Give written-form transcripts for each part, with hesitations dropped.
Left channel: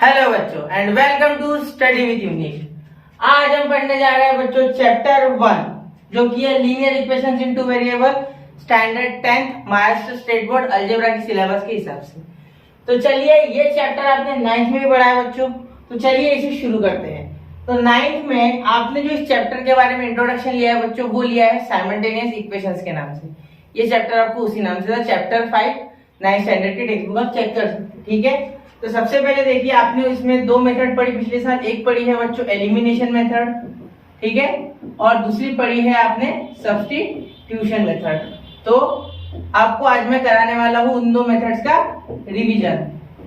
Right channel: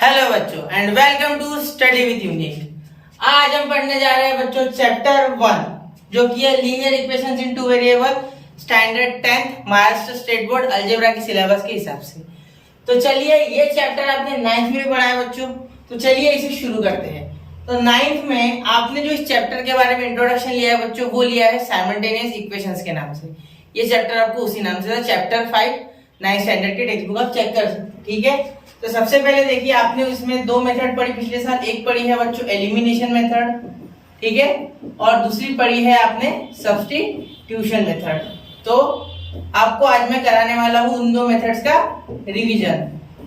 Hello बच्चों and welcome to study with Unique. आज हम पढ़ने जा रहे हैं बच्चों चैप्टर 1 जो कि है linear equations into variable, standard 10th Maharashtra state board algebra के सिलेबस के हिसाब से। तो चलिए ये चैप्टर आपने 9th में भी पढ़ा है बच्चों, तो चलिए इसे शुरू करते हैं। तो 9th में आपने जो इस चैप्टर के बारे में इंट्रोडक्शन लिया है बच्चों, वो लिया है साइमल्टेनियस इक्वेशंस के नाम से। ये चैप्टर आपको उसी नाम से था, चैप्टर 5 9th स्टैंडर्ड की टेक्स्ट बुक आप चेक कर सकते हैं। ठीक है, तो सबसे पहले देखिए आपने इसमें दो मेथड पढ़ी पिछले साल। एक पढ़ी है बच्चों एलिमिनेशन मेथड, ठीक है, और दूसरी पढ़ी है आपने सब्स्टिट्यूशन मेथड। तो आपको आज मैं कराने वाला हूं उन दो मेथड्स का रिवीजन।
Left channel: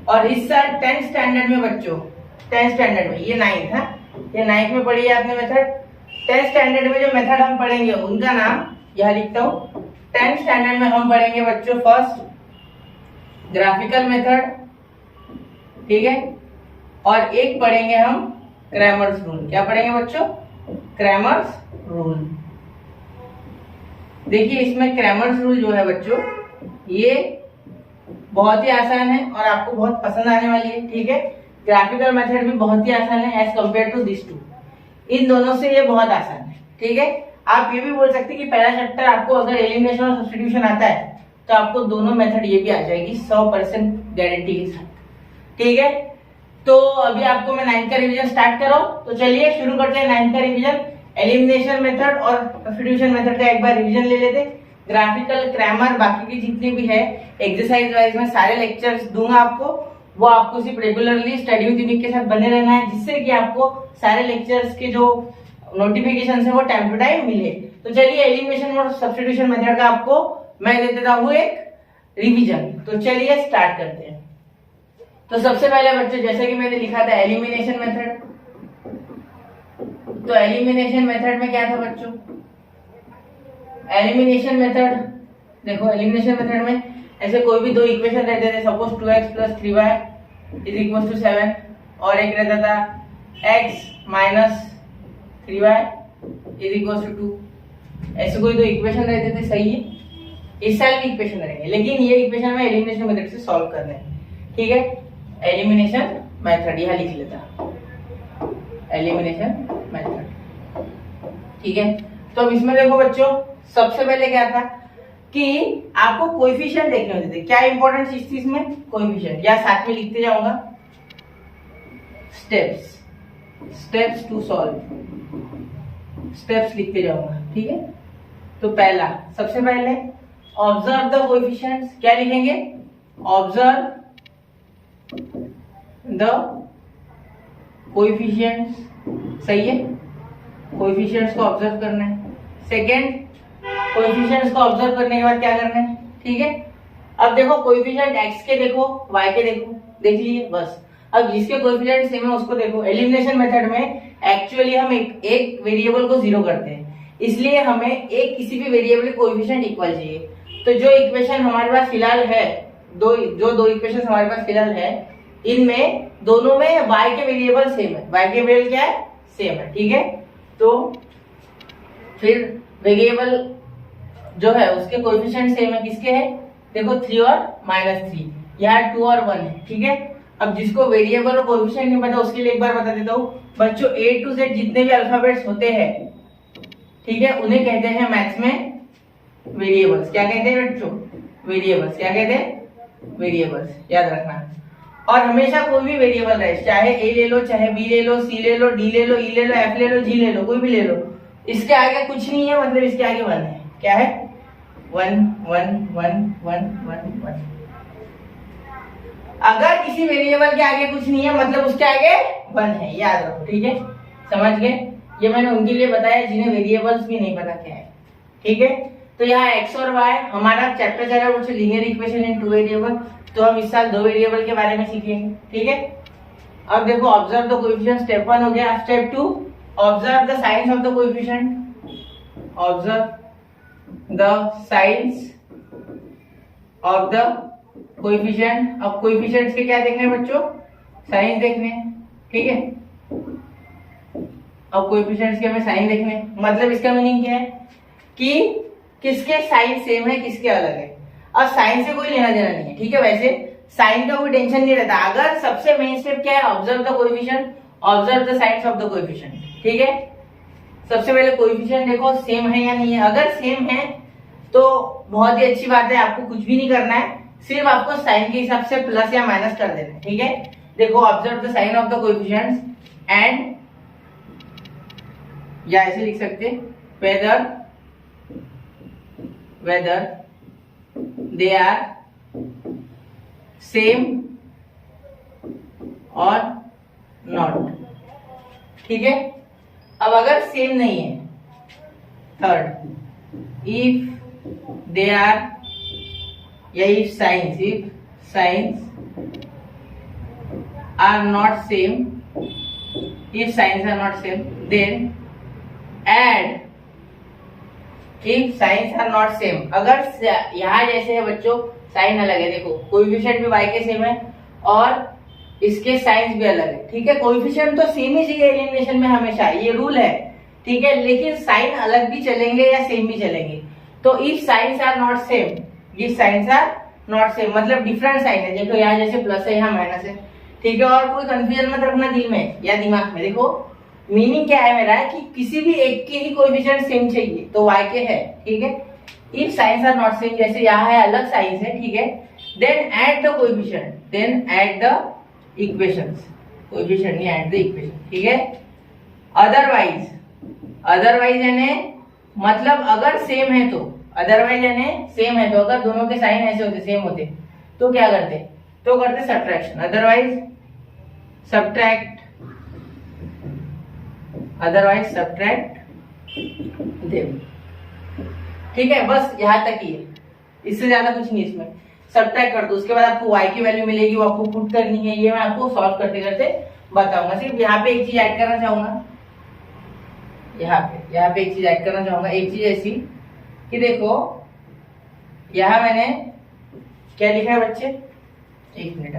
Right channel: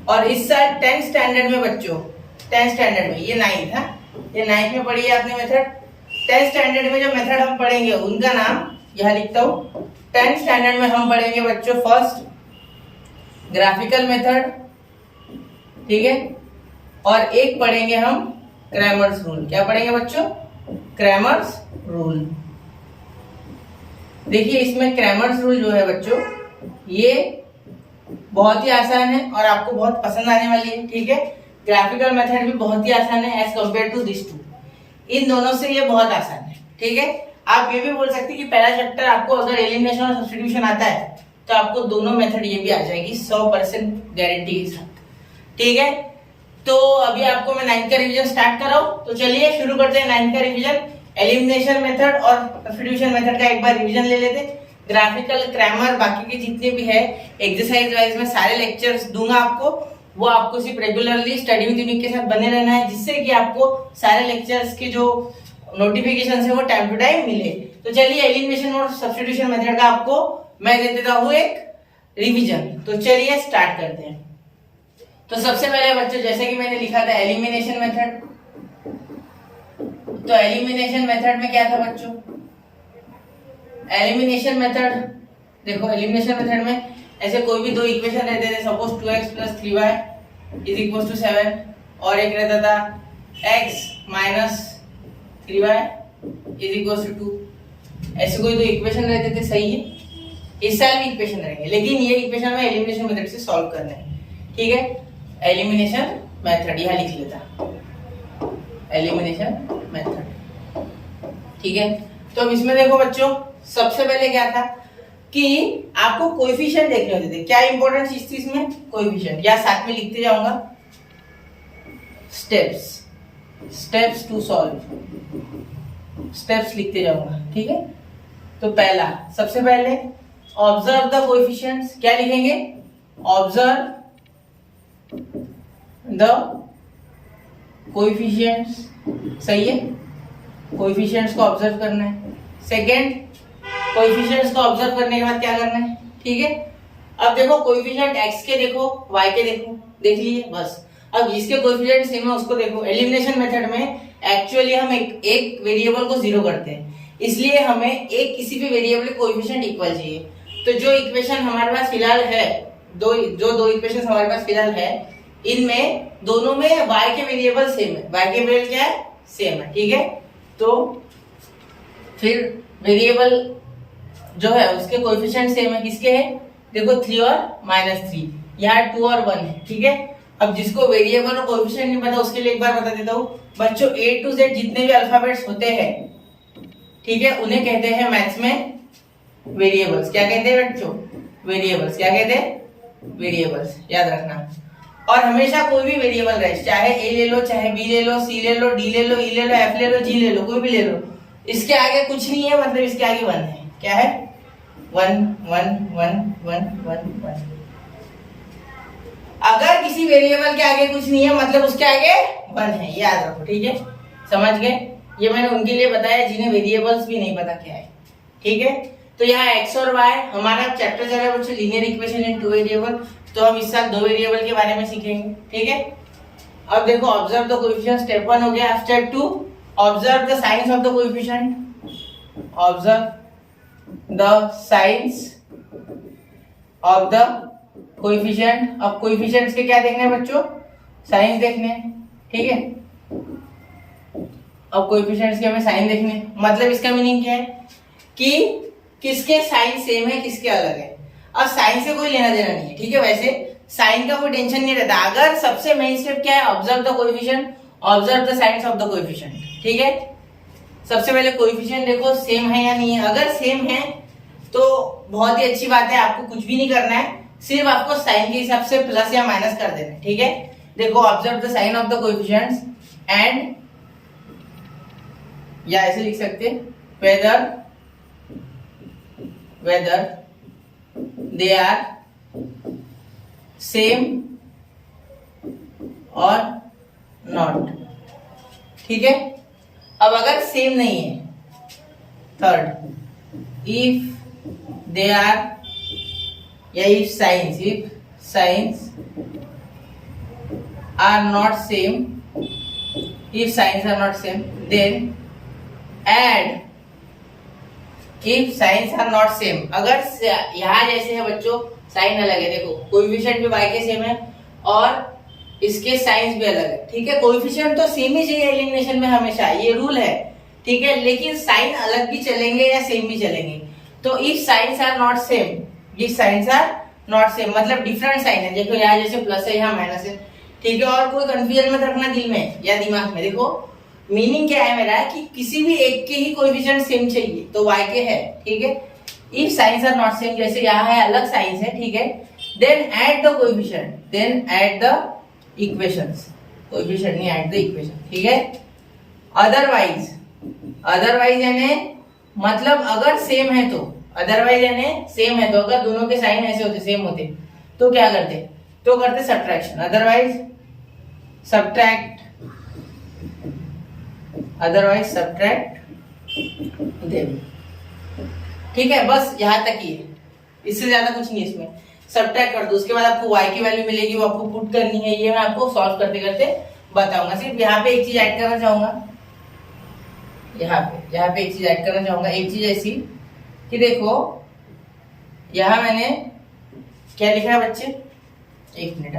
और इस साल 10th स्टैंडर्ड में बच्चों, 10th स्टैंडर्ड में ये 9th है, ये 9th में पढ़ी है आपने मेथड। 10th स्टैंडर्ड में जो मेथड हम पढ़ेंगे उनका नाम यहां लिखता हूं। 10th स्टैंडर्ड में हम पढ़ेंगे बच्चों फर्स्ट ग्राफिकल मेथड, ठीक है, और एक पढ़ेंगे हम क्रैमर्स रूल। क्या पढ़ेंगे बच्चों? Cramer's rule. देखिए इसमें क्रैमर्स रूल जो है बच्चों ये बहुत ही आसान है और आपको बहुत पसंद आने वाली है। ठीक है, ग्राफिकल मेथड भी बहुत ही आसान है as compare to this two. इन दोनों से ये बहुत आसान है। ठीक है, आप ये भी बोल सकते हैं कि पहला चैप्टर आपको अगर एलिमिनेशन और सब्स्टिट्यूशन आता है तो आपको दोनों मेथड ये भी आ जाएगी 100% गारंटी के साथ। ठीक है, तो अभी आपको मैं 9th का रिवीजन स्टार्ट कर रहा हूं। तो चलिए शुरू करते हैं 9th का रिवीजन। एलिमिनेशन मेथड और सब्स्टिट्यूशन मेथड का एक बार रिवीजन ले लेते। ग्राफिकल, क्रैमर, बाकी के जितने भी है एक्सरसाइज वाइज में सारे लेक्चर्स दूंगा आपको। वो आपको सिर्फ रेगुलरली स्टडी विद यूनिक के साथ बने रहना है, जिससे कि आपको सारे लेक्चर्स के जो नोटिफिकेशन है वो टाइम टू टाइम मिले। तो चलिए एलिमिनेशन और सब्स्टिट्यूशन मेथड का आपको मैं दे देता हूं एक रिवीजन। तो चलिए स्टार्ट करते हैं। तो सबसे पहले बच्चों जैसे कि मैंने लिखा था एलिमिनेशन मेथड, तो एलिमिनेशन मेथड में क्या था बच्चों? एलिमिनेशन मेथड देखो, एलिमिनेशन मेथड में ऐसे कोई भी दो इक्वेशन रहते थे, सपोज 2x + 3y = 7, और एक रहता था x - 3y = 2। ऐसे कोई दो इक्वेशन रहते थे, सही है। इस साल भी इक्वेशन रहेंगे, लेकिन ये इक्वेशन में एलिमिनेशन मेथड से सॉल्व करना है। ठीक है, एलिमिनेशन मेथड यहां लिख लेता, एलिमिनेशन मेथड। ठीक है, तो अब इसमें देखो बच्चों सबसे पहले क्या था कि आपको कोएफिशिएंट देखने होते थे। क्या इंपॉर्टेंट चीज थी इसमें? कोएफिशिएंट। या साथ में लिखते जाऊंगा स्टेप्स टू सॉल्व, स्टेप्स लिखते जाऊंगा। ठीक है, तो पहला सबसे पहले ऑब्जर्व द कोएफिशिएंट्स। क्या लिखेंगे? Observe the coefficients. सही है, कोएफिशिएंट्स को ऑब्जर्व करना है। सेकंड, कोएफिशिएंट्स को ऑब्जर्व करने के बाद क्या करना है? ठीक है, अब देखो कोएफिशिएंट x के देखो, y के देखो, देख लिए बस। अब जिसके कोएफिशिएंट सेम है उसको देखो। एलिमिनेशन मेथड में एक्चुअली हम एक वेरिएबल को जीरो करते हैं, इसलिए हमें एक किसी भी वेरिएबल के कोएफिशिएंट इक्वल चाहिए। तो जो इक्वेशन हमारे पास फिलहाल है, दो इक्वेशन हमारे पास फिलहाल है, इनमें दोनों में y के वेरिएबल सेम है। y के वेरिएबल क्या है? सेम है। ठीक है, तो फिर वेरिएबल जो है उसके कोएफिशिएंट सेम है। किसके है? देखो 3 और -3, यहाँ 2 और 1 है। ठीक है, अब जिसको वेरिएबल और कोएफिशिएंट नहीं पता उसके लिए एक बार बता देता हूँ बच्चों, A to Z जितने भी अल्फाबेट्स होते हैं, ठीक है, उन्हें कहते हैं मैथ्स में वेरिएबल्स। क्या कहते हैं बच्चों? वेरिएबल्स। क्या कहते हैं? वेरिएबल्स, याद रखना। और हमेशा कोई भी वेरिएबल रहे, चाहे ए ले लो, चाहे बी ले लो, सी ले लो, डी ले लो, ई ले लो, एफ ले लो, जी ले लो, कोई भी ले लो, इसके आगे कुछ नहीं है, मतलब इसके आगे 1 है। क्या है? 1 1 1 1 1 1। अगर किसी वेरिएबल के आगे कुछ नहीं है मतलब उसके आगे 1 है, याद रखो। ठीक है, समझ गए? ये मैंने उनके लिए बताया जिन्हें वेरिएबल्स भी नहीं पता क्या है। ठीक है, तो यहाँ x और y हमारा चैप्टर चल रहा है बच्चों linear equation in two variable. तो हम इस साल दो वेरिएबल के बारे में सीखेंगे। ठीक है, अब देखो ऑब्जर्व द कोएफिशिएंट, स्टेप 1 हो गया। Step 2 observe the science of the coefficient, observe the science of the coefficient. अब कोएफिशिएंट्स के क्या देखने हैं बच्चों? साइंस देखने हैं। ठीक है, अब कोएफिशिएंट्स के हमें साइन देखने हैं। मतलब इसका मीनिंग क्या है कि किसके साइन सेम है, किसके अलग है। अब साइन से कोई लेना देना नहीं है। ठीक है, वैसे साइन का कोई टेंशन नहीं रहता। अगर सबसे मेन स्टेप क्या है, observe the coefficient, observe the science of the coefficient. ठीक है, सबसे पहले कोएफिशिएंट देखो सेम है या नहीं है। अगर सेम है तो बहुत ही अच्छी बात है, आपको कुछ भी नहीं करना है, सिर्फ आपको साइन के हिसाब से प्लस या माइनस कर देना है। ठीक है, देखो observe the sign of the coefficients and, या ऐसे लिख सकते वेदर दे आर सेम और नॉट। ठीक है, अब अगर सेम नहीं है, थर्ड, इफ दे आर, या if signs are not same, if signs are not same then add, if signs are not same, अगर यहाँ जैसे है बच्चों साइन अलग है, देखो कोएफिशिएंट भी y के सेम है और इसके साइंस भी अलग है। ठीक है, कोएफिशिएंट तो सेम ही चाहिए एलिमिनेशन में हमेशा, ये रूल है। ठीक है, लेकिन साइन अलग भी चलेंगे या सेम भी चलेंगे। तो if signs are not same, if signs are not same मतलब डिफरेंट साइन है, देखो यहाँ जैसे प्लस है यहाँ माइनस है। ठीक है, और कोई कंफ्यूजन मत रखना दिल में या दिमाग में। देखो मीनिंग क्या है मेरा कि किसी भी एक के ही कोएफिशिएंट सेम चाहिए, तो y के है। ठीक है, if signs are not same, जैसे यहाँ है अलग साइंस है। ठीक है, then add the coefficient, then add the equations, coefficient नहीं ऐड द इक्वेशन। ठीक है, अदरवाइज यानी मतलब अगर सेम है तो, अदरवाइज यानी सेम है तो, अगर दोनों के साइन ऐसे होते सेम होते तो क्या करते, तो करते सब्ट्रैक्शन, अदरवाइज सब्ट्रैक्ट देम। ठीक है, बस यहाँ तक ही है, इससे ज्यादा कुछ नहीं इसमें। सब्ट्रैक्ट कर दो, उसके बाद आपको y की वैल्यू मिलेगी, वो आपको पुट करनी है, ये मैं आपको सॉल्व करते करते बताऊंगा। सिर्फ यहाँ पे एक चीज ऐड करना चाहूंगा, यहाँ पे एक चीज ऐड करना चाहूंगा। एक चीज ऐसी कि देखो यहाँ मैंने क्या लिखा है बच्चे, एक मिनट,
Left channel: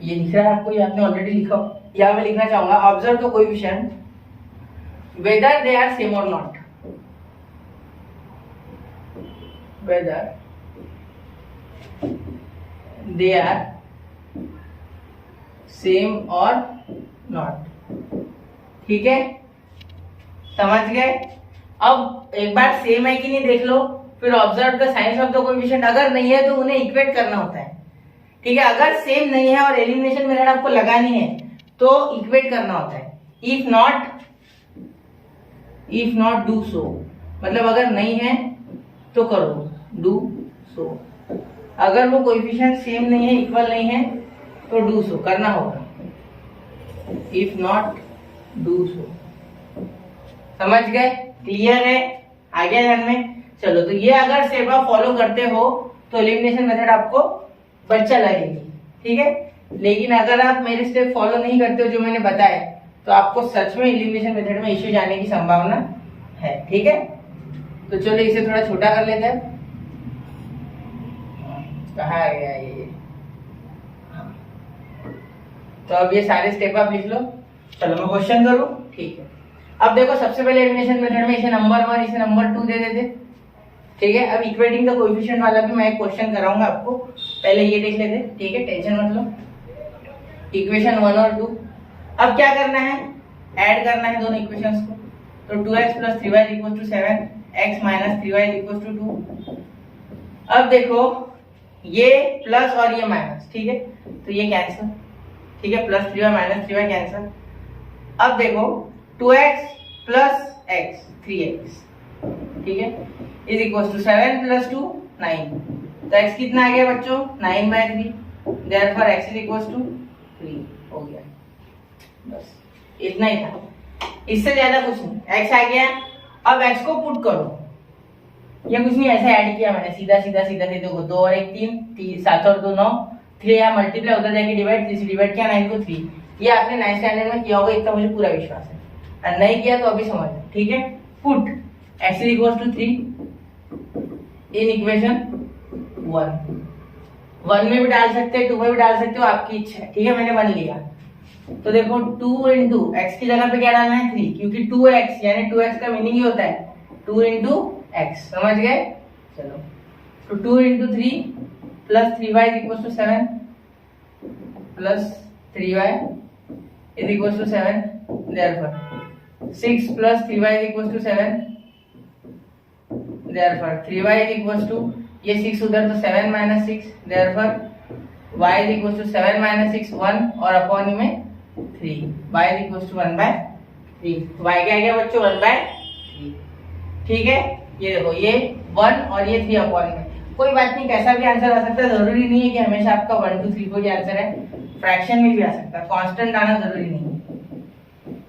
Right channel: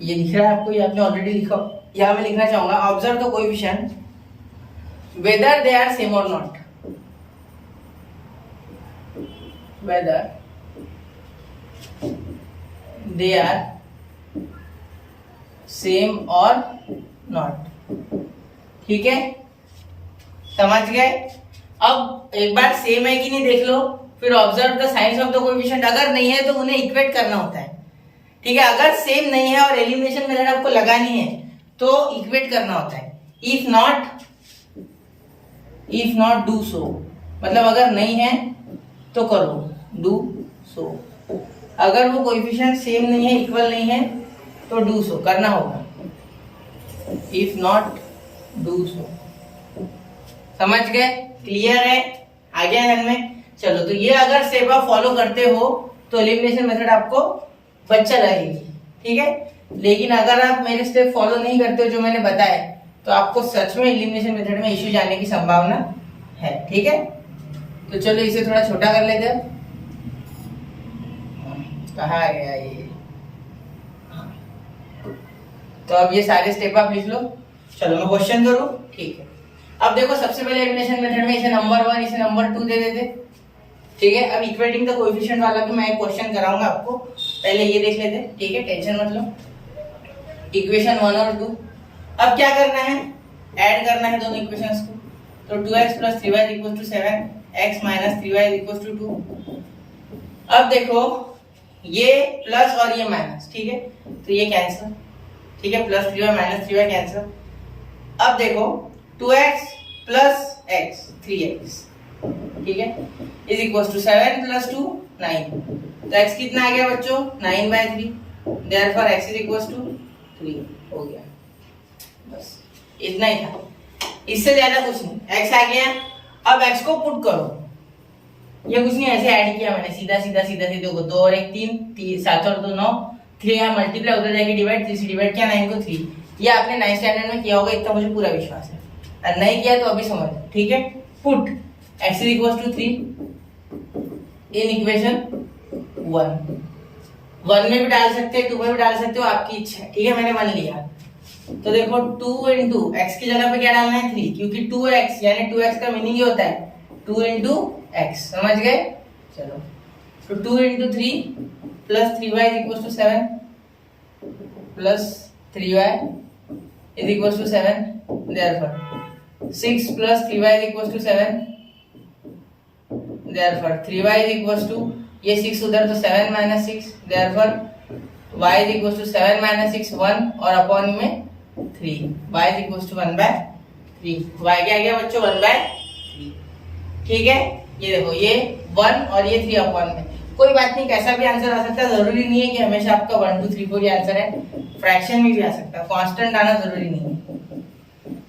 ये लिख रहा है आपको, ये आपने ऑलरेडी लिखा। यहाँ मैं लिखना चाहूंगा observe the coefficient whether they are same और not, whether they are same और नॉट। ठीक है, समझ गए। अब एक बार सेम है कि नहीं देख लो, फिर observe the science of the coefficient. अगर नहीं है तो उन्हें इक्वेट करना होता है। ठीक है, अगर सेम नहीं है और एलिमिनेशन मेथड आपको लगानी है तो इक्वेट करना होता है। इफ नॉट डू सो, मतलब अगर नहीं है तो करो, डू सो। अगर वो कोएफिशिएंट सेम नहीं है, इक्वल नहीं है, तो डू सो करना होगा। इफ नॉट डू सो, समझ गए, क्लियर है, आ गया ध्यान में। चलो, तो ये अगर स्टेप आप फॉलो करते हो तो एलिमिनेशन मेथड आपको बच्चा लगेगी। ठीक है, लेकिन अगर आप मेरे स्टेप फॉलो नहीं करते हो जो मैंने बताया, तो आपको सच में एलिमिनेशन मेथड में इश्यू जाने की संभावना है। ठीक है, तो चलो इसे थोड़ा छोटा कर लेते हैं। कहाँ गया ये, तो अब ये सारे स्टेप आप लिख लो। चलो मैं क्वेश्चन करूं, ठीक है। अब देखो सबसे पहले एलिमिनेशन मेथड में इसे नंबर 1 इसे नंबर 2 दे देते। ठीक है, अब इक्वेटिंग द कोएफिशिएंट वाला भी मैं एक क्वेश्चन कराऊंगा आपको, पहले ये देख लेते। ठीक है, टेंशन मत लो। इक्वेशन 1 और 2, अब क्या करना है, ऐड करना है दोनों इक्वेशंस को। तो 2x + 3y = 7, x - 3y = 2। अब देखो ये प्लस और ये माइनस, ठीक है, तो ये कैंसिल। ठीक है, +3y - 3y कैंसिल। अब देखो 2x + x 3x, ठीक है, = 7 + 2 9। तो x कितना आ गया बच्चों, 9/3। देयरफॉर x = 3 हो गया। बस इतना ही था, इससे ज्यादा कुछ नहीं। x आ गया, अब x को पुट करो। ये कुछ नहीं, ऐसे ऐड किया मैंने, सीधा देखो 2 और 1 3, 7 और 2 9, 3 यहाँ मल्टीप्लाई, उधर जाके डिवाइड, 3 से डिवाइड किया, 9 को 3। ये आपने 9th स्टैंडर्ड में किया होगा, इतना मुझे पूरा विश्वास है। और नहीं किया तो अभी समझ लो। ठीक है, पुट x = 3 इन इक्वेशन 1 में भी डाल सकते हैं, 2 में भी डाल सकते हो, आपकी इच्छा है। ठीक है, मैंने 1 लिया। तो देखो 2 × x की जगह पे क्या डालना है, 3, क्योंकि 2x यानी 2x का मीनिंग ये होता है 2 × x। समझ गए। चलो, तो 2 × 3 + 3y = 7, plus 3y is equal to 7, therefore 6 plus 3y is equal to 7, therefore 3y is equal to, ये 6 उधर तो 7 minus 6, therefore y is equal to 7 minus 6 1 और अपॉन में 3, y is equal to 1/3, y क्या आ गया बच्चों 1/3, ठीक है। ये देखो ये 1 और ये 3 अपॉन में, कोई बात नहीं, कैसा भी आंसर आ सकता है, जरूरी नहीं है कि हमेशा आपका 1 2 3 4 ये आंसर है, फ्रैक्शन में भी आ सकता है, कांस्टेंट आना जरूरी नहीं है,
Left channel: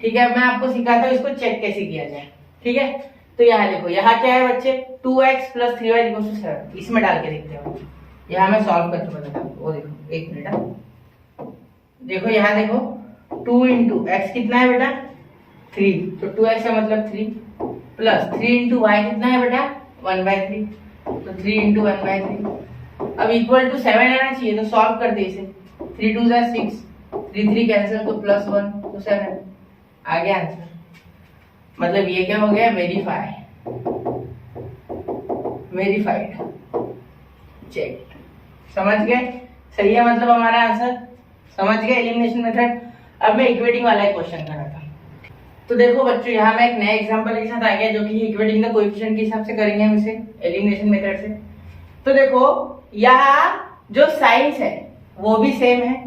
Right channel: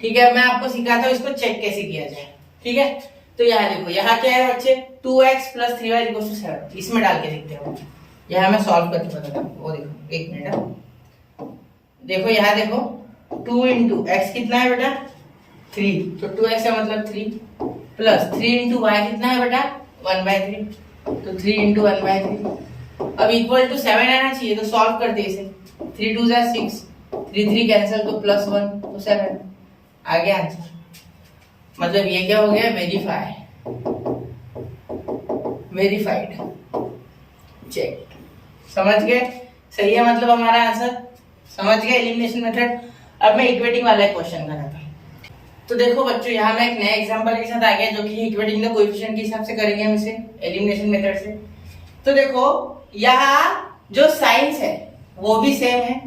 ठीक है। मैं आपको सिखाता हूँ इसको चेक कैसे किया जाए, ठीक है। तो यहाँ देखो, यहाँ क्या है बच्चे 2x plus 3y equal to 7, इसमें डाल के देखते हैं, यहाँ मैं सॉल्व करके बताता हूँ। वो देखो एक मिनट, देखो यहाँ देखो 2 इंटू एक्स कितना है बेटा 3, तो 2x का मतलब 3 प्लस 3 इंटू वाई कितना है बेटा 1/3, तो 3 इंटू 1/3। अब इक्वल टू 7 आना चाहिए, तो सॉल्व कर दे इसे, 3 2 जा 6, 3 3 कैंसिल, तो प्लस 1 तो 7 आ गया आंसर। मतलब ये क्या हो गया, वेरीफाइड चेक, समझ गए, सही है मतलब हमारा आंसर, समझ गए एलिमिनेशन मेथड। अब मैं इक्वेटिंग वाला क्वेश्चन कराता हूं। तो देखो बच्चों, यहाँ मैं एक नया एग्जांपल के साथ आ गया, जो कि इक्वेटिंग द कोएफिशिएंट के हिसाब से करेंगे हम इसे एलिमिनेशन मेथड से। तो देखो यहाँ जो साइंस है वो भी सेम है,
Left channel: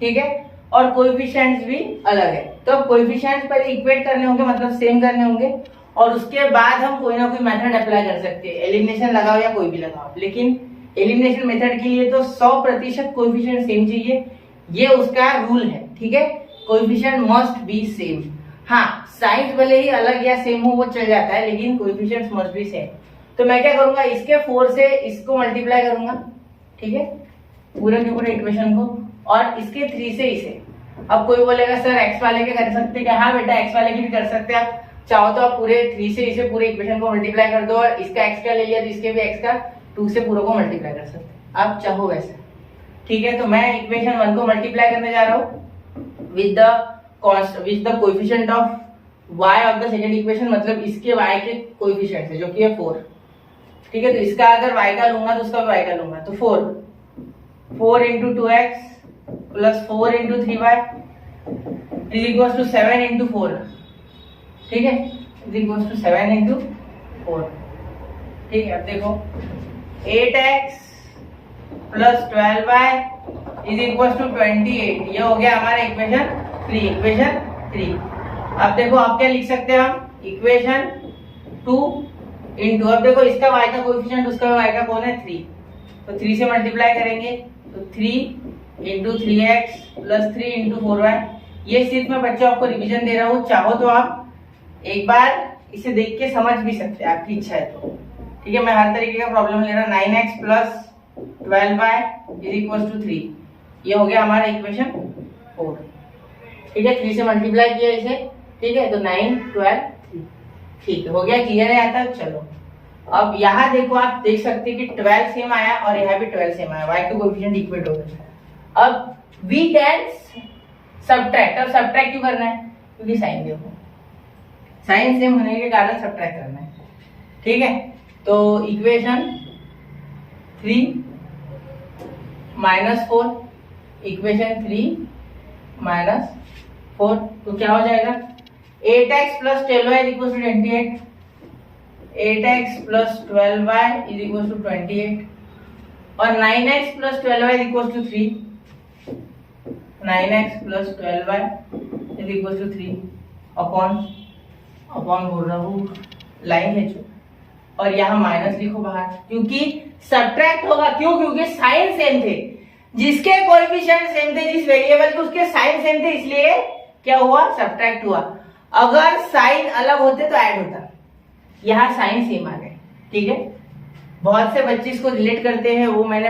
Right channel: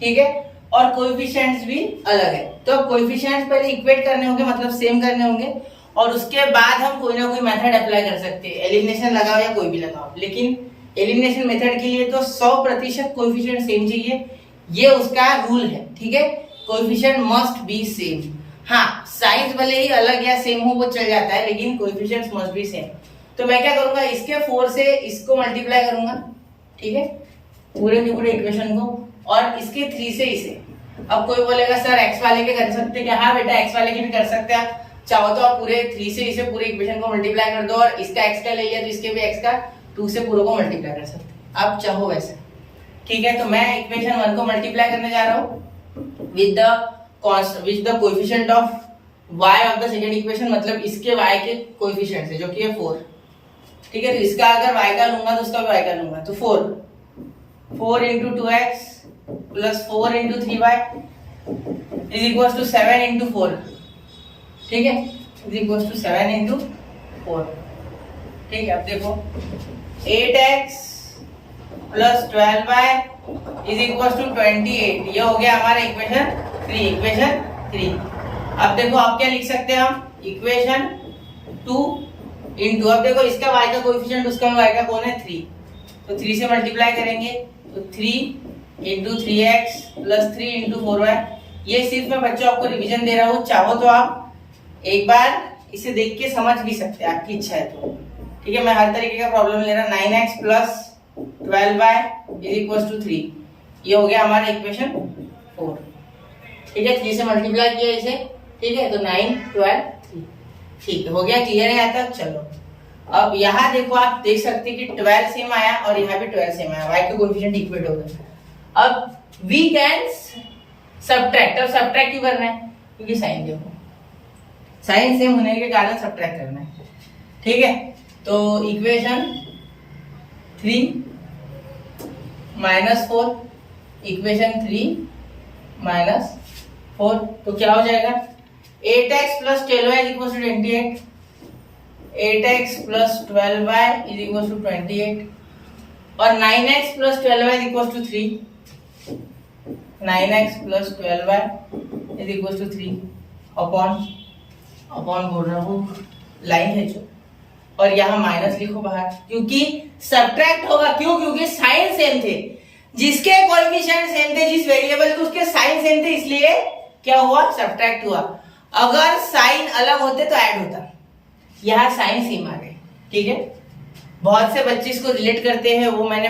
ठीक है, और कोएफिशिएंट्स भी अलग है। तो अब कोएफिशिएंट्स पहले इक्वेट करने होंगे, मतलब सेम करने होंगे, और उसके बाद हम कोई ना कोई मेथड अप्लाई कर सकते हैं, एलिमिनेशन लगाओ या कोई भी लगाओ, लेकिन एलिमिनेशन मेथड के लिए तो 100% कोएफिशिएंट सेम चाहिए, ये उसका रूल है, ठीक है। Coefficient must be same. हाँ, साइंस भले ही अलग या सेम हो वो चल जाता है, लेकिन कोएफिशिएंट्स मस्ट बी सेम। तो मैं क्या करूंगा, इसके 4 से इसको मल्टीप्लाई करूंगा, ठीक है, पूरे के पूरे इक्वेशन को, और इसके 3 से इसे। अब कोई बोलेगा सर एक्स वाले के कर सकते क्या, हाँ बेटा एक्स वाले की भी कर सकते हैं, आप चाहो तो आप पूरे 3 से इसे पूरे इक्वेशन को मल्टीप्लाई कर दो, और इसका एक्स का ले लिया तो इसके भी एक्स का 2 से पूरे को मल्टीप्लाई कर सकते हैं, आप चाहो वैसे, ठीक है। तो मैं इक्वेशन 1 को मल्टीप्लाई करने जा रहा हूँ with the coefficient of y of the second equation, मतलब इसके y के कोएफिशिएंट से, जो कि है 4, ठीक है। तो इसका अगर y का लूंगा तो उसका भी y का लूंगा, तो 4 into 2x plus 4 into 3y is equal to 7 into 4, ठीक है, इज इक्वल टू 7 इंटू 4, ठीक है। अब देखो 8x plus 12y is equal to 28, ये हो गया हमारा इक्वेशन 3। अब देखो आप क्या लिख सकते हैं, हम इक्वेशन 2 इंटू, अब देखो इसका y का कोएफिशिएंट उसका y का कौन है 3, तो 3 से मल्टीप्लाई करेंगे, तो 3 into 3x plus 3 into 4y। ये सिर्फ मैं बच्चों आपको रिवीजन दे रहा हूँ, चाहो तो आप एक बार इसे देख के समझ भी सकते हैं, आपकी इच्छा है तो, ठीक है। मैं हर तरीके का प्रॉब्लम ले रहा, 9x plus 12y is equal to 3, ये हो गया हमारा इक्वेशन 4, ठीक है। 3 से मल्टीप्लाई किया इसे, ठीक है, तो 9 12 3, ठीक है, हो गया, क्लियर है यहाँ तक। चलो अब यहाँ देखो, आप देख सकते हैं कि 12 सेम आया और यहाँ भी 12 सेम आया, y के कोएफिशिएंट इक्वेट हो गए। अब वी कैन सब्ट्रैक्ट, अब सब्ट्रैक्ट क्यों करना है, क्योंकि साइन देखो, साइन सेम होने के कारण सब्ट्रैक्ट करना है, ठीक है। तो इक्वेशन 3 माइनस 4, इक्वेशन 3 माइनस 4, तो क्या हो जाएगा 8x plus 12y is equal to 28, 8x plus 12y is equal to 28, और 9x plus 12y is equal to 3, 9x plus 12y is equal to 3 upon बोल रहा हूँ, लाइन है जो, और यहाँ माइनस लिखो बाहर, क्योंकि सब्ट्रैक्ट होगा, क्यों, क्योंकि साइन सेम थे, जिसके कोएफिशिएंट सेम थे, जिस वेरिएबल के उसके साइन सेम थे, इसलिए क्या हुआ, सब्ट्रैक्ट हुआ। अगर साइन अलग होते तो ऐड होता, यहाँ साइन सेम आ गए, ठीक है। बहुत से बच्चे इसको रिलेट करते हैं, वो मैंने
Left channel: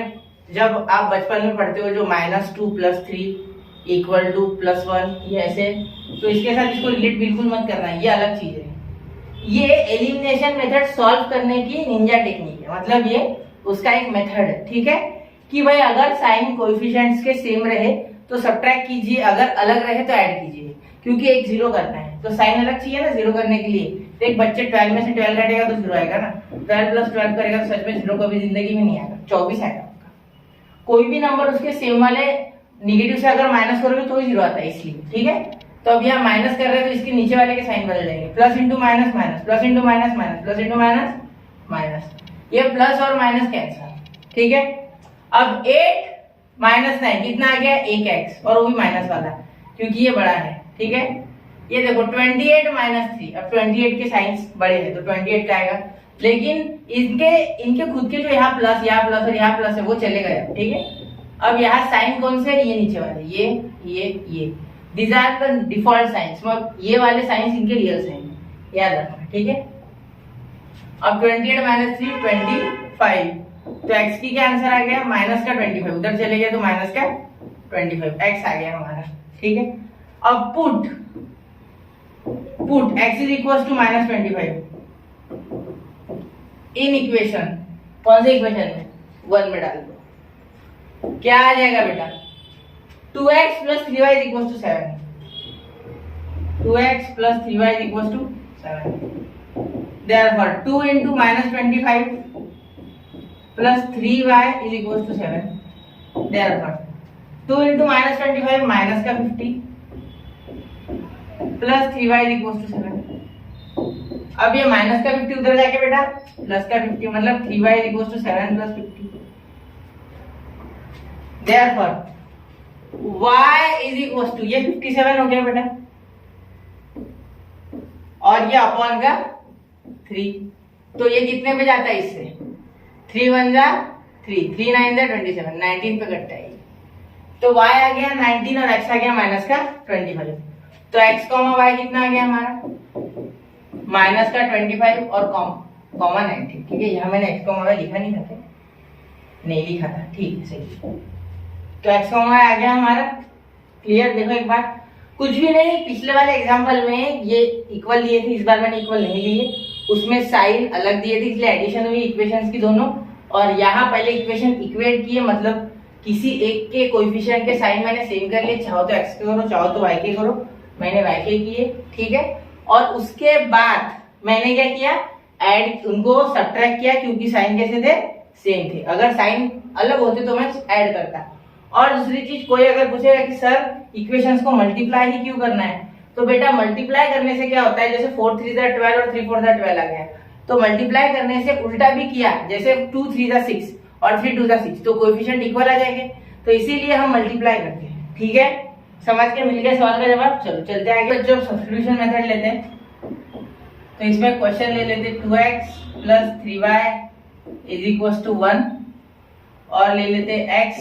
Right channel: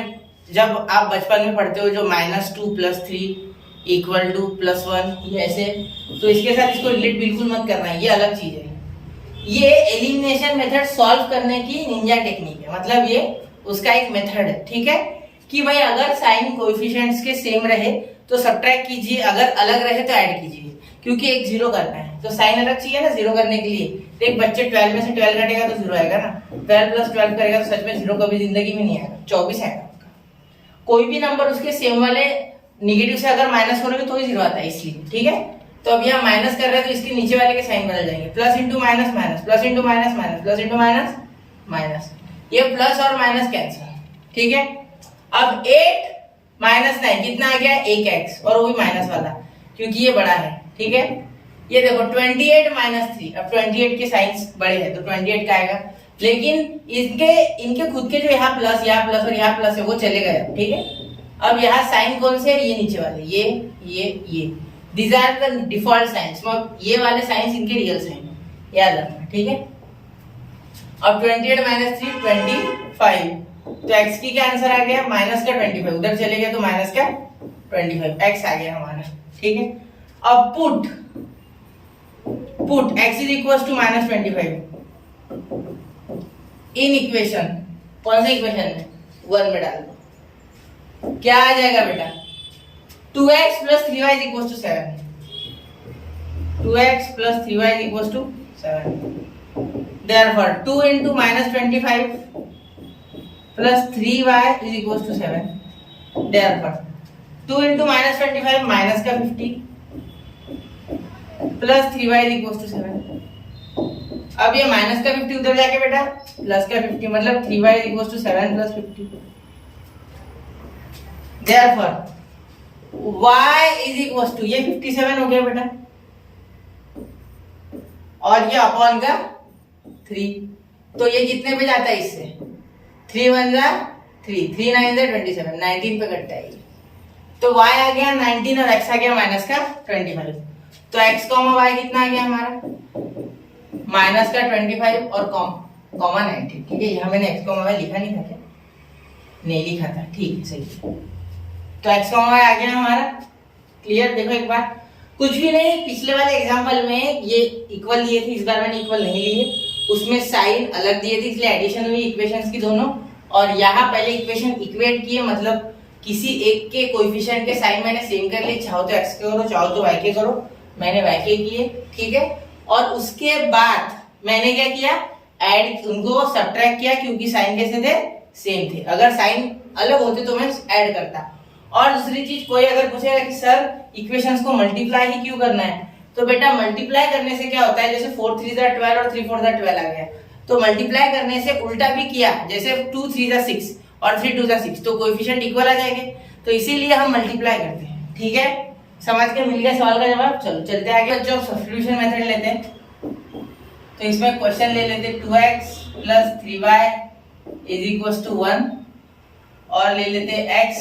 जब आप बचपन में पढ़ते हो जो -2 + 3 इक्वल टू +1, ये ऐसे, तो इसके साथ इसको रिलेट बिल्कुल मत करना है, ये अलग चीज है। ये एलिमिनेशन मेथड सॉल्व करने की निंजा टेक्निक है, मतलब ये उसका एक मेथड है, ठीक है, कि भाई अगर साइन कोएफिशिएंट्स के सेम रहे तो सब्ट्रैक्ट कीजिए, अगर अलग रहे तो ऐड कीजिए, क्योंकि एक 0 करना है तो साइन अलग चाहिए ना 0 करने के लिए। तो एक बच्चे 12 में से 12 घटेगा तो 0 आएगा ना, 12 + 12 करेगा तो सच में 0 कभी जिंदगी में नहीं आएगा, 24 आएगा। कोई भी नंबर उसके सेम वाले निगेटिव से अगर माइनस करोगे तो ही जीरो आता है, इसलिए ठीक है। तो अब यहाँ माइनस कर रहे हैं तो इसके नीचे वाले के साइन बदल जाएंगे, plus into minus minus, plus into minus minus, plus into minus minus, ये प्लस और माइनस कैंसिल, ठीक है। अब 8 माइनस 9 कितना आ गया, 1x, और वो भी माइनस वाला क्योंकि ये बड़ा है, ठीक है। ये देखो 28 माइनस 3, अब 28 के साइंस बड़े हैं तो 28 का आएगा, लेकिन इनके खुद के जो यहाँ प्लस और यहाँ प्लस है वो चले गए, ठीक है। अब यहाँ साइन कौन से है, ये नीचे वाले, ये These are the default signs, मतलब ये वाले साइंस इनके रियल साइन याद रखना, ठीक है। अब 28 माइनस 3 25, तो x की क्या आंसर आ गया, माइनस का 25, उधर चले गए तो माइनस का 25, x आ गया हमारा, ठीक है। अब put x is equal to minus 25 in equation, कौन से इक्वेशन में, 1 में डाल दो, क्या आ जाएगा बेटा, 2x plus 3y is equals to 7. 2x plus 3y is equals to 7. Therefore, 2 into minus 25 plus 3y is equals to 7. Therefore, 2 into minus 25 minus का 50 plus 3y is equals to 7. अब ये माइनस का 50 उधर जाके बेटा प्लस का 50, मतलब 3y is equals to 7 plus 50. Therefore, y is equals to, ये 57 हो गया बेटा, और ये अपॉन का 3, तो ये कितने पे जाता है इससे, 3 1 जा 3, 3 9 जा 27, 19 पे कटता है, तो y आ गया 19 और x आ गया माइनस का 25, तो x कॉमा y कितना आ गया हमारा, माइनस का 25 और कॉमा 19, ठीक है। यहाँ मैंने x कॉमा y लिखा नहीं था क्या, नहीं लिखा था, ठीक है, सही। तो x कॉमा y आ गया हमारा, क्लियर। देखो एक बार, कुछ भी नहीं, पिछले वाले एग्जांपल में ये इक्वल दिए थे, इस बार मैंने इक्वल नहीं लिए, उसमें साइन अलग दिए थे इसलिए एडिशन हुई इक्वेशंस की दोनों, और यहाँ पहले इक्वेशन इक्वेट किए, मतलब किसी एक के कोएफिशिएंट के साइन मैंने सेम कर लिए, चाहो तो x के करो चाहो तो y के करो, मैंने y के किए, ठीक है। और उसके बाद मैंने क्या किया, ऐड उनको सब्ट्रैक्ट किया, क्योंकि साइन कैसे थे, सेम थे, अगर साइन अलग होते तो मैं ऐड करता। और दूसरी चीज, कोई अगर पूछेगा कि सर इक्वेशंस को मल्टीप्लाई ही क्यों करना है, तो बेटा मल्टीप्लाई करने से क्या होता है, जैसे 4 3 12 और 3 4 12 आ गया, तो मल्टीप्लाई करने से उल्टा भी किया, जैसे 2 3 6 और 3 2 6, तो कोएफिशिएंट इक्वल आ जाएंगे, तो इसीलिए हम मल्टीप्लाई करते हैं, ठीक है। समझ के मिल गया सवाल का जवाब। चलो चलते हैं आगे, जब सब्स्टिट्यूशन मेथड लेते हैं तो इसमें क्वेश्चन ले लेते 2x plus 3y is equals to 1, और ले लेते x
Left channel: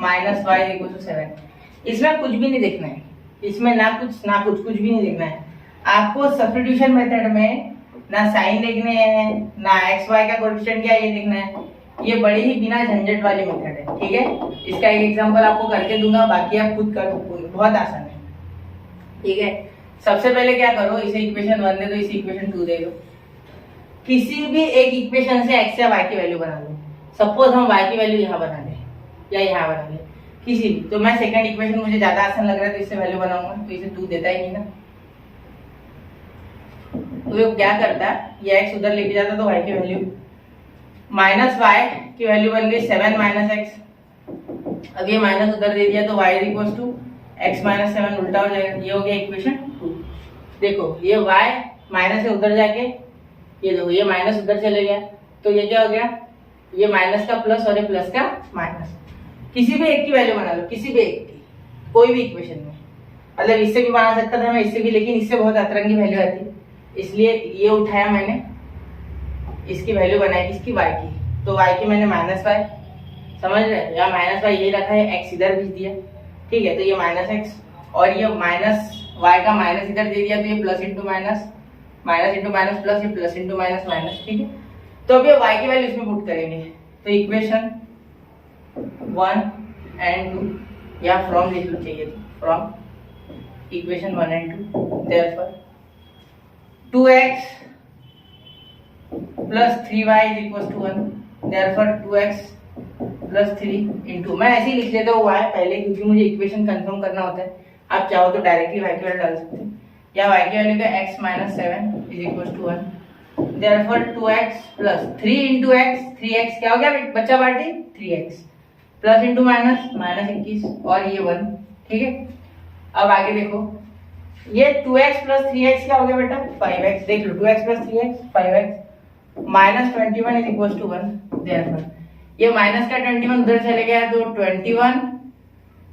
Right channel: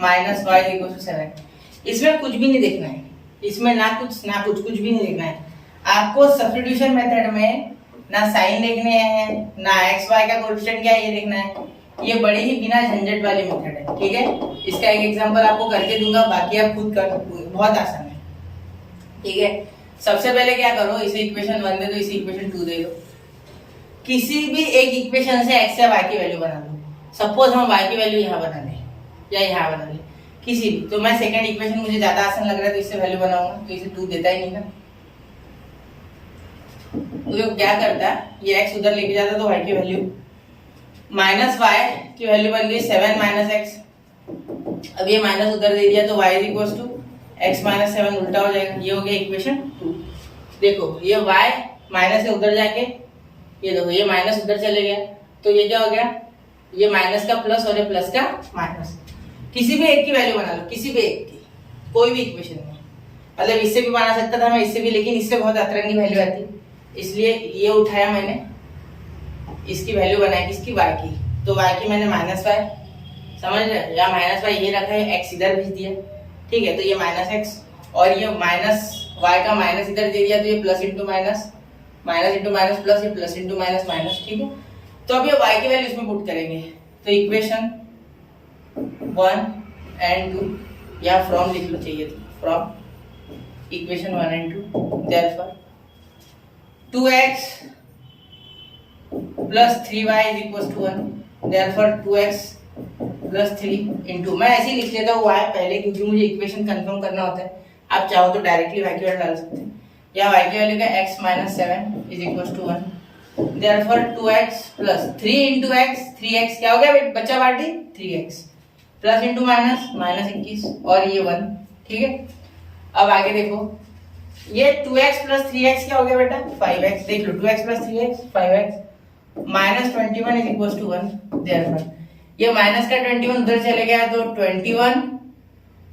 minus y is equal to 7। इसमें कुछ भी नहीं देखना है, इसमें ना कुछ भी नहीं देखना है आपको। सब्स्टिट्यूशन मेथड में ना साइन देखने हैं, ना एक्स वाई का कोएफिशिएंट क्या ये देखना है, ये बड़ी ही बिना झंझट वाली मेथड है, ठीक है। इसका एक एग्जांपल आपको करके दूंगा, बाकी आप खुद कर, बहुत आसान है, ठीक है। सबसे पहले क्या करो, इसे इक्वेशन 1 दे दो, इसे इक्वेशन 2 दे दो, किसी भी एक इक्वेशन से x या y की वैल्यू बना दो। सपोज हम y की वैल्यू यहाँ बना दें या यहाँ बना दें, किसी भी, तो मैं सेकंड इक्वेशन मुझे ज्यादा आसान लग रहा है तो इससे वैल्यू बनाऊंगा, तो इसे 2 देता ही नहीं ना, तो वो क्या करता है, ये x उधर लेके जाता तो y की वैल्यू माइनस y की वैल्यू बन गई 7 माइनस x। अब ये माइनस उधर दे दिया तो y is equal to x minus 7 उल्टा हो जाएगा, ये हो गया इक्वेशन 2। देखो ये y माइनस से उधर जाके, ये देखो ये माइनस उधर चले गया, तो ये क्या हो गया, ये माइनस का प्लस और ये प्लस का माइनस। किसी भी एक की वैल्यू बना लो, किसी भी एक की, कोई भी इक्वेशन में, मतलब इससे भी बना सकता था मैं, इससे भी, लेकिन इससे बहुत अतरंगी वैल्यू आती, इसलिए ये उठाया मैंने, इसकी वैल्यू बनाई किसकी, y की, तो y की मैंने माइनस y, समझ रहे, या माइनस y ये रखा है, x इधर भेज दिया, ठीक है, तो ये माइनस x, और ये माइनस y का माइनस इधर दे दिया, तो ये plus into minus, minus into minus plus, ये प्लस इंटू माइनस माइनस, ठीक है। तो अब ये y की वैल्यू इसमें पुट करेंगे, तो इक्वेशन 1 and 2, या फ्रॉम लिख लो चाहिए तो, from equation 1 and 2, therefore 2x plus 3y is equals to 1, therefore 2x plus 3 into, मैं ऐसे ही लिख लेता हूँ y पहले, क्योंकि मुझे इक्वेशन कंफर्म करना होता है। आप चाहो तो डायरेक्टली y की वैल्यू डाल सकते हैं, या y की वैल्यू का x minus 7 is equals to 1, therefore 2x plus 3 into x, 3x क्या हो गया बच्चा party, 3x plus into minus, minus 21 और ये 1, ठीक है। अब आगे देखो, ये 2x प्लस 3x क्या हो गया बेटा, 5x। देख लो 2x plus 3x 5x minus 21 is equal to 1। Therefore ये माइनस का 21 उधर चले गया तो 21,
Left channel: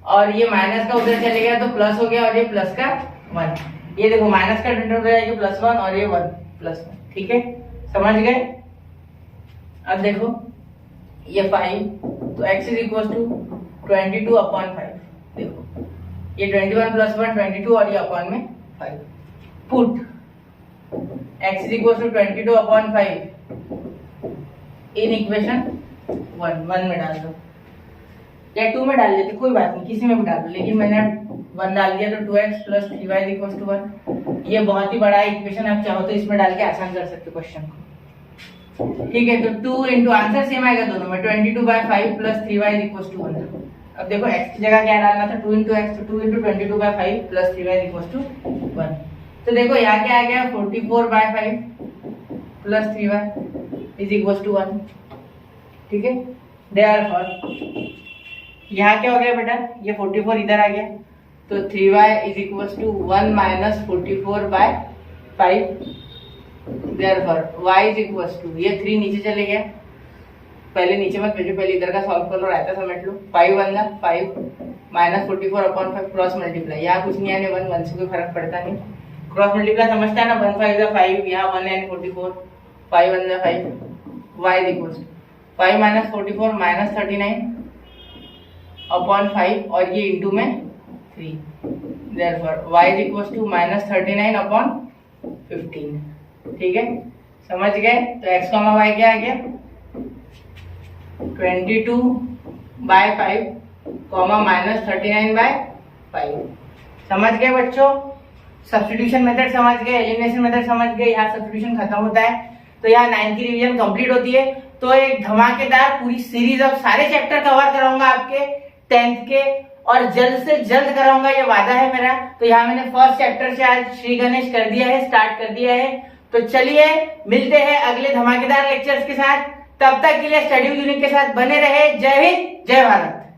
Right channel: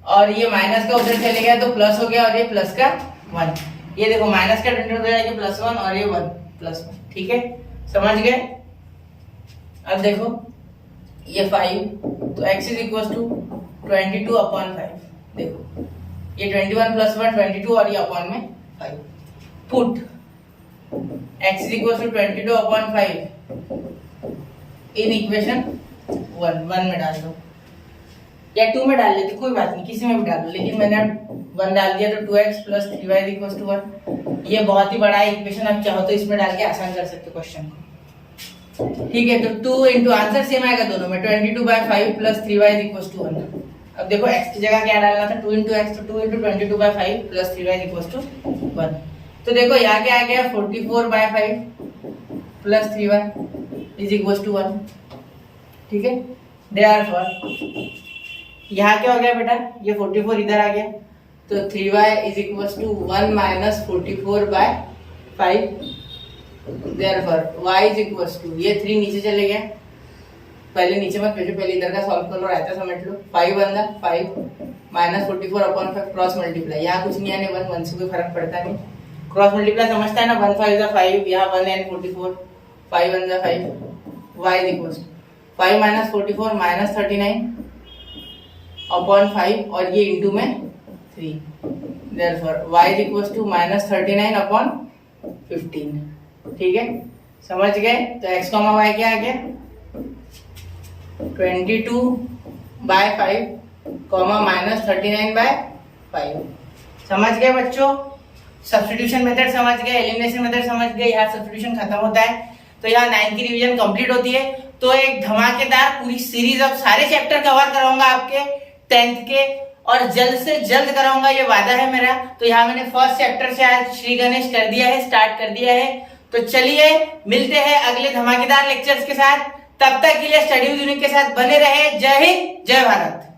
और ये माइनस का उधर चले गया तो प्लस हो गया, और ये प्लस का 1। ये देखो माइनस का 21 उधर जाएगा प्लस 1 और ये 1 प्लस 1, ठीक है, समझ गए। अब देखो ये 5 तो x is equal to 22 upon 5। देखो ये 21 प्लस 1 22 और ये अपॉन में 5। Put x is equal to 22 upon 5 in equation 1 में डाल दो, या 2 में डाल लेते, कोई बात नहीं, किसी में भी डाल दो, लेकिन मैंने 1 डाल दिया तो 2x plus 3y is equal to 1। ये बहुत ही बड़ा है इक्वेशन, आप चाहो तो इसमें डाल के आसान कर सकते हो क्वेश्चन को, ठीक है। तो 2 इंटू आंसर सेम आएगा दोनों में, 22/5 plus 3y is equal to 1। अब देखो x की जगह क्या डालना था, 2 इंटू एक्स, तो 2 into 22/5 plus 3y is equal to 1। तो देखो यहाँ क्या आ गया, 44/5 plus 3y is equal to 1, ठीक है। देयरफॉर यहाँ क्या हो गया बेटा, ये 44 इधर आ गया, तो 3y is equal to 1 minus 44/5। Therefore y is equal to, ये 3 नीचे चले गया, पहले नीचे मत भेजो, पहले इधर का सॉल्व कर लो, रायता समझ लो। 5 अंदर 5 माइनस 44 अपॉन 5 क्रॉस मल्टीप्लाई, यहाँ कुछ नहीं आने, 1 से कोई फर्क पड़ता नहीं, क्रॉस मल्टीप्लाई समझता है ना, 1 5 5, यहाँ 1 एंड 44, 5 अंदर 5, y is equal to 5 minus 44 minus 39 upon 5 और ये इंटू में 3। Therefore y is equal to minus 39 upon 15, ठीक है, समझ गए। तो x कॉमा y क्या आ गया, 22/5 कॉमा माइनस 39/5। समझ गए बच्चों, सब्स्टिट्यूशन मेथड समझ गए, एलिमिनेशन मेथड समझ गए, यहाँ सब्स्टिट्यूशन खत्म होता है तो यहाँ 9th की रिवीजन कंप्लीट होती है। तो एक धमाकेदार पूरी सीरीज ऑफ सारे चैप्टर कवर कराऊंगा आपके 10th के, और जल्द से जल्द कराऊंगा, ये वादा है मेरा। तो यहाँ मैंने फर्स्ट चैप्टर से आज श्री गणेश कर दिया है, स्टार्ट कर दिया है। तो चलिए मिलते हैं अगले धमाकेदार लेक्चर्स के साथ, तब तक के लिए स्टडी विद यूनिक के साथ बने रहे। जय हिंद, जय भारत।